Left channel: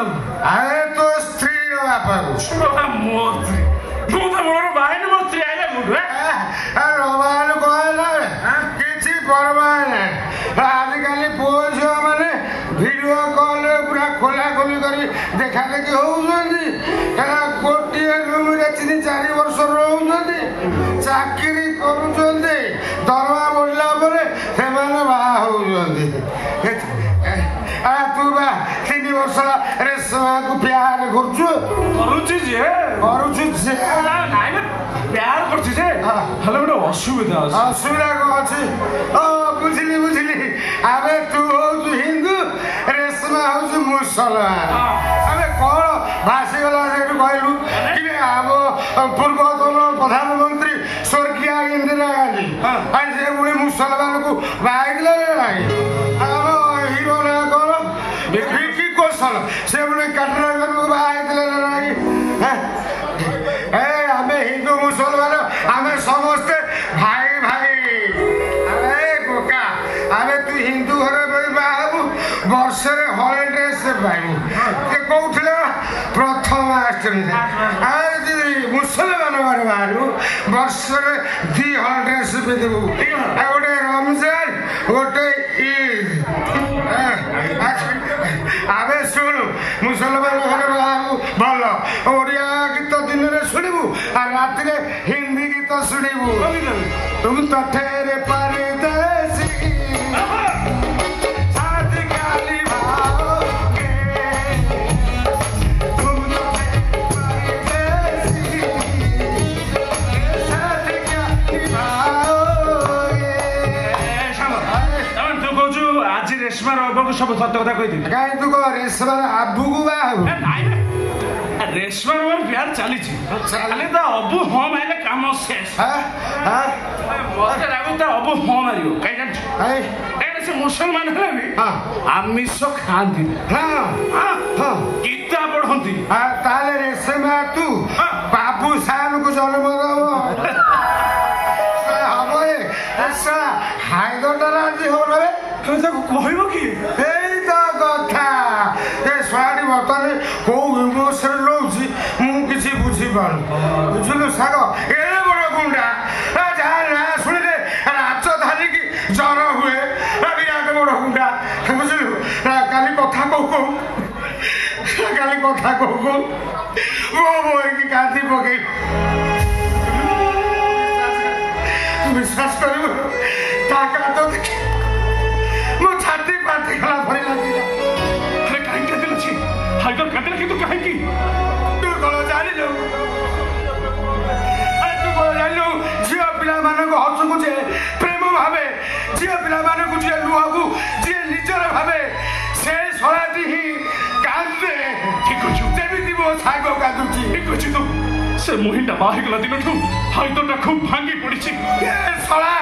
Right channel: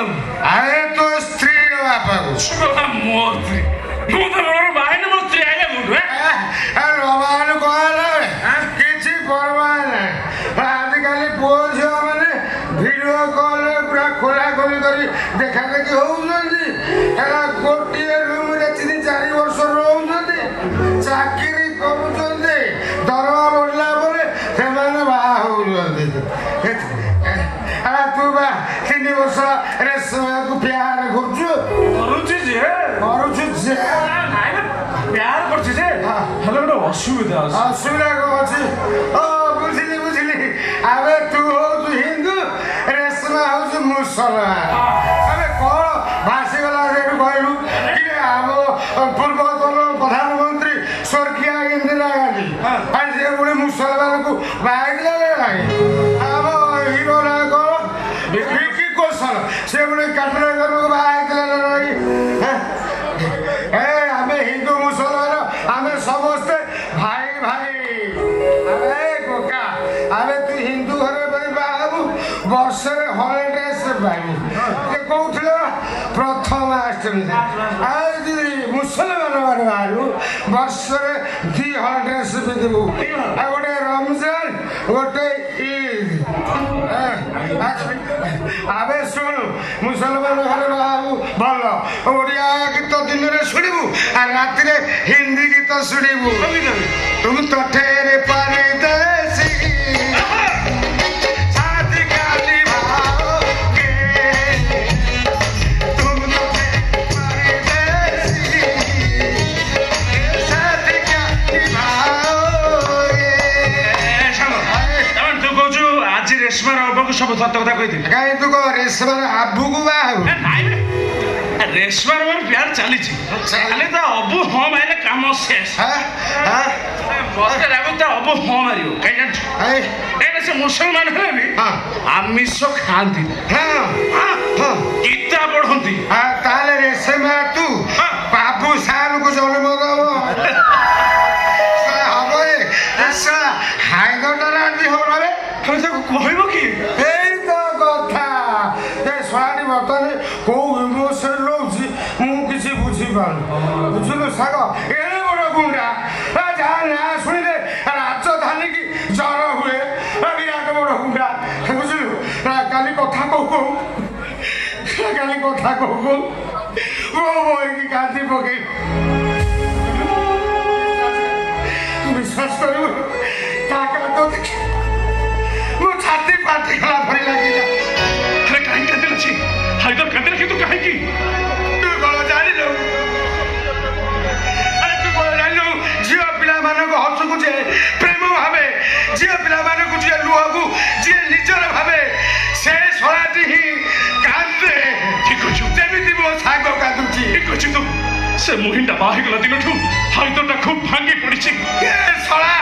अरे तो स्त्री बापा मोती बाहर मोती आएगा मुझे अरे भगवान कौन किसी परवाह नहीं आजिकल पुओ झील मैंने वीडियो कॉल पूरा खोला खोली कर देखा देखी होती गोटे रूम 3-4 वर्ष रोचे चाकरी करुँचे दरमा बढ़ला से बाहा होती तू बा 3 वर्ष रेशमा को प्यार करुचु प्यार करछी जे हेलो गोटे असुविधा असुविधा कौन अच्छी बुझिली बुझिली अबे तू हूँ हिंदू रेशमा हूँ मुसलमान अबे कौन भाषीगला कहलु कि आम पूर्वतन प्रधानमंत्री स्वर्गीय इंदिरा गांधी से पुणी मुसलमान को बाहर आम हिरो ना कौन विकी कौशल से पुणी काटनागर को बाहर आम हिंदू मुसलमान आम समस्ते भाई भाई अरे बोका अरे तू हिंदू घर बाबू वर्ष 100 ड्रेस पाइबू कौन प्रथम मुसलमान बाहू वर्ष 200 ड्रेस पिंधबू गोटे रमजान गोटे ईद आबे शुण मुसलमान घर बाबू भल ओडिया गीत दिन में शुणबू राति हिंदी गीत शुणबू तुम तो ठेरे परदेसी साथी गाली भाओगे तुम तो परदेसी साथी गाली भाओगे तू कहू आज रेशमार अबू सब सत कथा कही कहीं तू कह रेशमार आबू को बाहू रेशमार मोर प्यार चली चले तो अबू हाँ मारे काम शेष मत लागू तो अबू हाँ मार कहीं से मुसलमान है भी आमिष खाती गीता पढ़ती ताले रेशमा तू बाबू साहब को जन्म दब हम हाइदर हो कहब कि बर्तमान कौ इमोशन रोचे मुझे बुझीपार बुझल साग एड़े बड़ गुंडा जहाँ ना शुणिले राजधानी की जर हुए विराट बड़ गुंडा बुझलु काली कथा कहू मो बहकी कांदी पकई विश्वास कर मो छाती पाटी गला भरी लगी हाइदर कदर किंतु कहीं की तू कौन जानी लो अरे तू कौन जानी लो झील पिला माने को हसु को जे प्रेम भावे झील पिला माने को जे लुह को जे निजर भावे से सराटी ही कांदे ठीक अछि जेमिति मो साग कांदुची ठीक अछि तू से मोहिंडा बाहि गला दिनठू हाइदरटा खूब भांगी पड़िछि ए सळा